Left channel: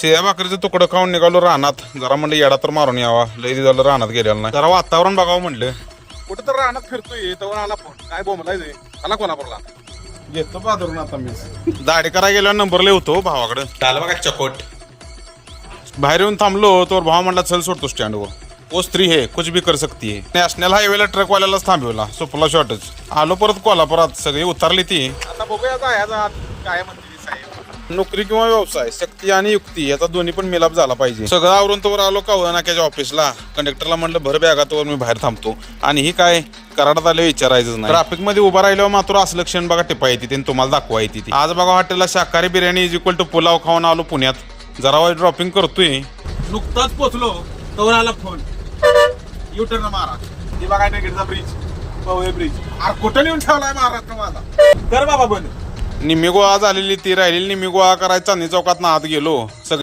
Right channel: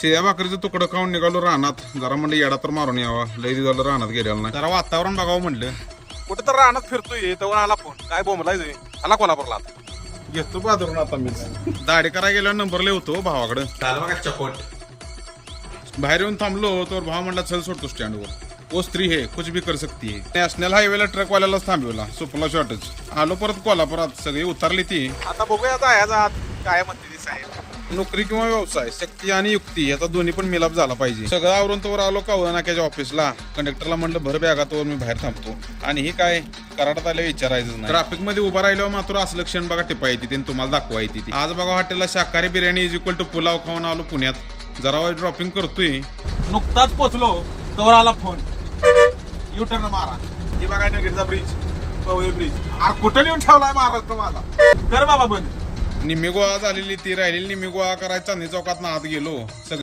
शिया भाकरीचं तुकडं खाऊन निघालो रानात. जरा म्हणलं येडा तर मारून यावा, लई झालं रानात गेलेला नाही. जरा वातावरण बघावं म्हणलं. कुठं तर रानात फिरतोय तर आला फोन काय बोंबलाय आला कोणापरला घेतो बाजारून आता मी. दाढी करायला गेल्यावर नंबर लिहतो भावाकडे. झालं बघा चकोट. बाहेर येऊन थांबलो तर भाव म्हणला चल सोडतो स्टँडवर. वो स्त्री है कुछ भी कर सकती है. नॅशनल हायवेला ट्रकवाल्यालाच थांबवला. सुपला शॉर्टच. आलो परत कोल्हापुरात, सगळी उतरली ती. आता बघूया जायचा काय म्हणते ती साहेब. नोकरी किंवा व्यवसाय, शक्ती आणि युक्ती याचा दोन्ही पण मिलाप झाला पाहिजे. सगळं आवरून तोवर आलो कावळा नाक्याच्या ऑफिसला. कंडक्टरला म्हणलं भर बॅगातवर मी बाहेर थांबतो. आणि ही काय कराडात आले विचारायचंच नाही. ट्रॅफिक मध्ये उभा राहिल्यावर मात्र असं क्षण बघा टिपा येते आणि तुम्हाला दाखवा येते. आज बघा हॉटेलला शाकाहारी biryani is equal to pulao खाऊन आलो पुण्यात. जरा वाईट ड्रॉपिंग करतोय. नुकताच पोचलो तोवर आला फोन. युटर्न मारा ही बघा नगरचा ब्रिज, पवई ब्रिज. अरे कुठं लिहून ठेवलाय महाराष्ट्र माझा. कर बाबा बंद. निम्मी गोळा झालेली ती राहिलेली निम्मी गोळा करायचा चांदणी चौकात आत गेलो.